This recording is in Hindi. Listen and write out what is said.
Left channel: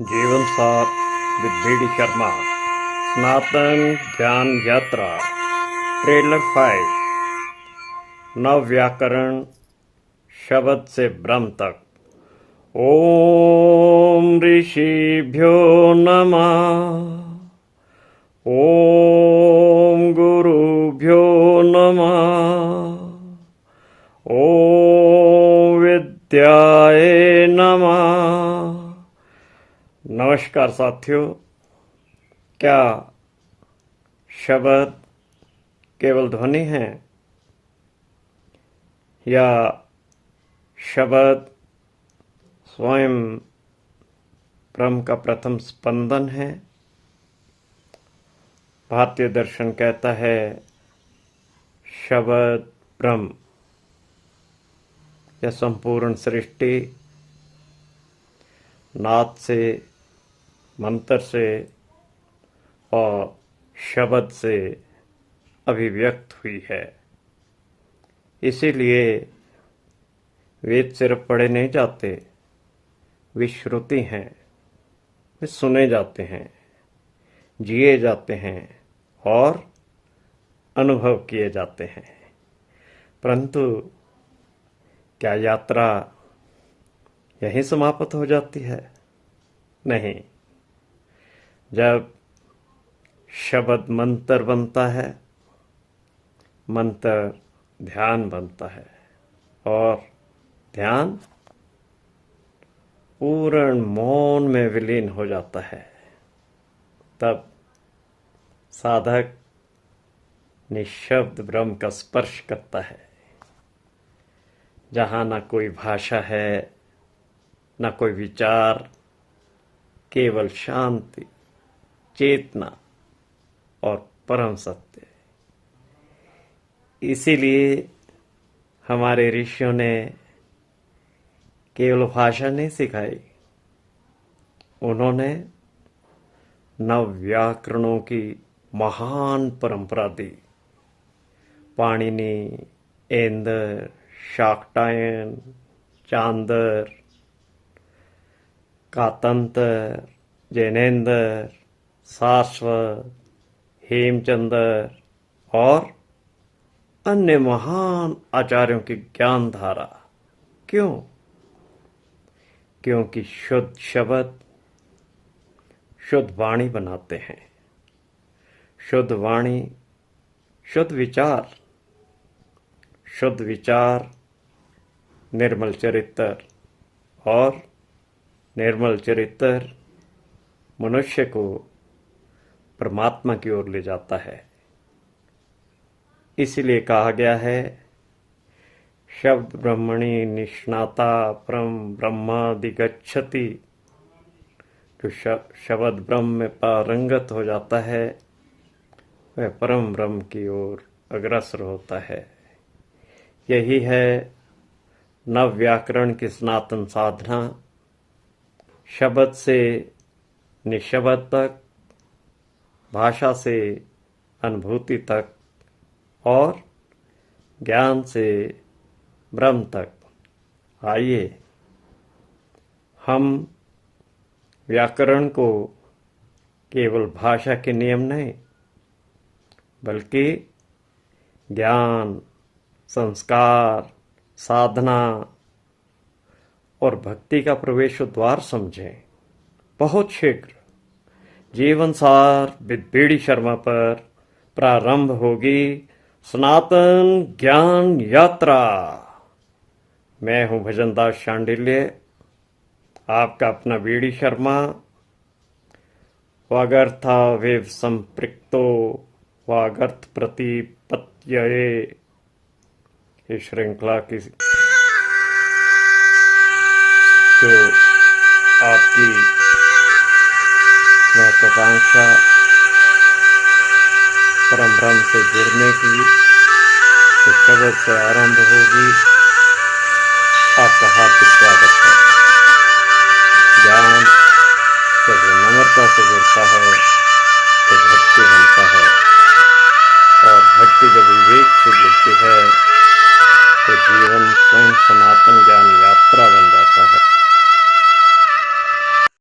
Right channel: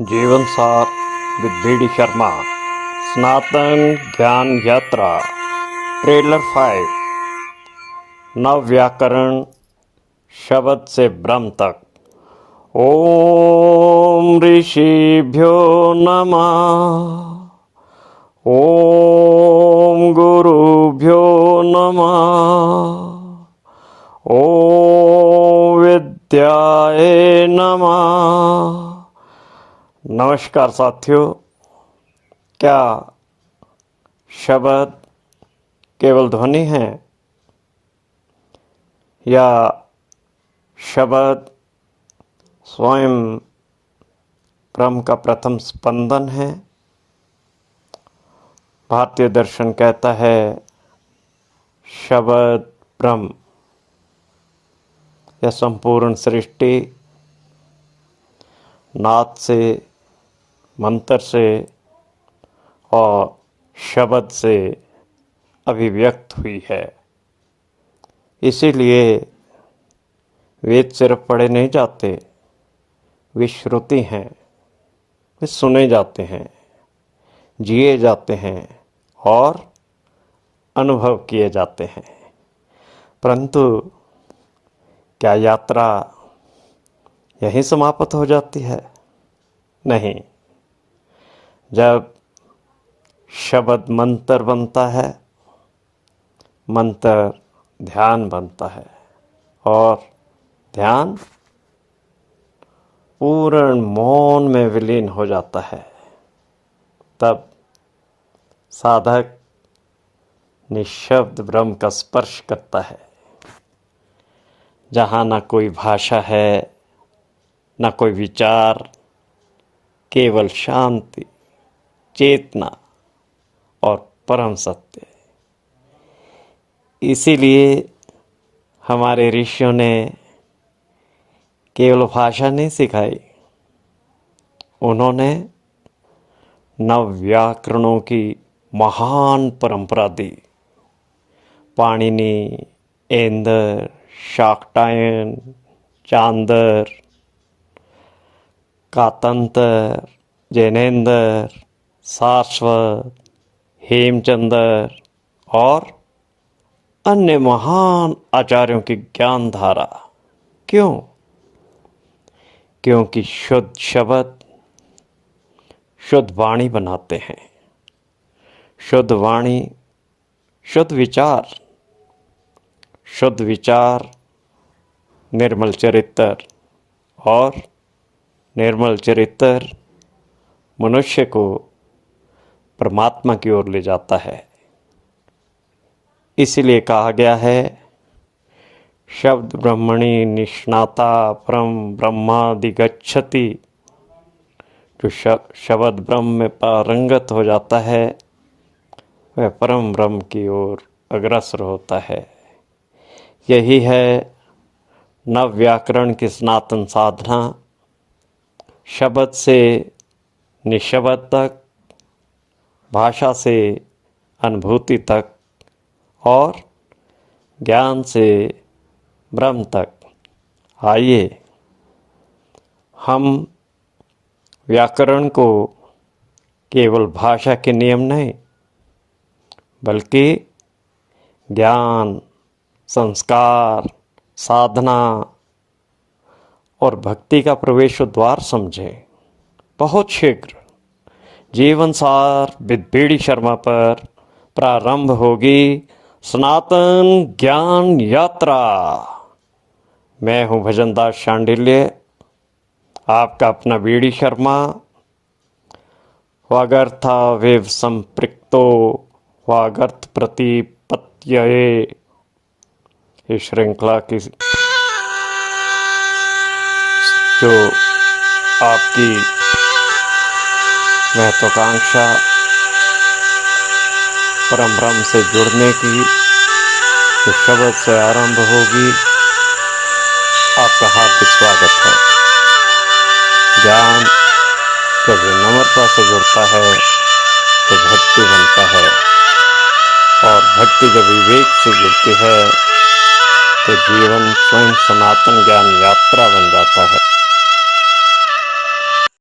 जीवन सार विद बी डी शर्मा सनातन ज्ञान यात्रा ट्रेलर 5 नव व्याकरण शब्द से ब्रह्म तक। ओम ऋषिभ्यो नमः। ओम गुरुभ्यो नमः। ओम विद्याय नमः। नमस्कार साथियों, क्या शब्द केवल ध्वनि है या शब्द स्वयं ब्रह्म का प्रथम स्पंदन है? भारतीय दर्शन कहता है शब्द ब्रह्म या संपूर्ण सृष्टि नाद से, मंत्र से और शब्द से अभिव्यक्त हुई है। इसीलिए वेद सिर्फ पढ़े नहीं जाते, वे श्रुति हैं, वे सुने जाते हैं, जिए जाते हैं और अनुभव किए जाते हैं। परंतु क्या यात्रा यहीं समाप्त हो जाती है? नहीं। जब शब्द मंत्र बनता है, मंत्र ध्यान बनता है और ध्यान पूर्ण मौन में विलीन हो जाता है, तब साधक निःशब्द ब्रह्म का स्पर्श करता है, जहाँ न कोई भाषा है, न कोई विचार, केवल शांति, चेतना और परम सत्य। इसीलिए हमारे ऋषियों ने केवल भाषा नहीं सिखाई, उन्होंने नव व्याकरणों की महान परंपरा दी। पाणिनि, ऐंदर, शाक्टायन, चांदर, कातंतर, जैनेंद्र, सारस्वत, हेमचंद्र और अन्य महान आचार्यों की ज्ञान धारा। क्यों? क्योंकि शुद्ध शब्द शुद्ध वाणी बनाते हैं। शुद्ध वाणी शुद्ध विचार, शुद्ध विचार निर्मल चरित्र और निर्मल चरित्र मनुष्य को परमात्मा की ओर ले जाता है। इसलिए कहा गया है शब्द ब्रह्मणि निष्णाता परम ब्रह्मादिगच्छति। जो शब्द ब्रह्म में पारंगत हो जाता है, वह परम ब्रह्म की ओर अग्रसर होता है। यही है नव व्याकरण की सनातन साधना। शब्द से निशब्द तक, भाषा से अनुभूति तक और ज्ञान से ब्रह्म तक। आइए हम व्याकरण को केवल भाषा के नियम नहीं, बल्कि ज्ञान, संस्कार, साधना और भक्ति का प्रवेश द्वार समझें। बहुत शीघ्र जीवन सार विद बी डी शर्मा पर प्रारंभ होगी सनातन ज्ञान यात्रा। मैं हूँ भजनदास शांडिल्य, आपका अपना बी डी शर्मा। वागर्था वेव संपृक्तो वागर्थ प्रतिपत्तये। इस श्रृंखला की जो आपकी महत्वाकांक्षा परम ब्रह्म से जुड़ने की, जो शब्द से आरंभ होगी, आपका हार्दिक स्वागत है। ज्ञान जब नम्रता से जुड़ता है तो भक्ति बनता है, और भक्ति जब विवेक से जुड़ती है तो जीवन स्वयं सनातन ज्ञान यात्रा बन जाता है।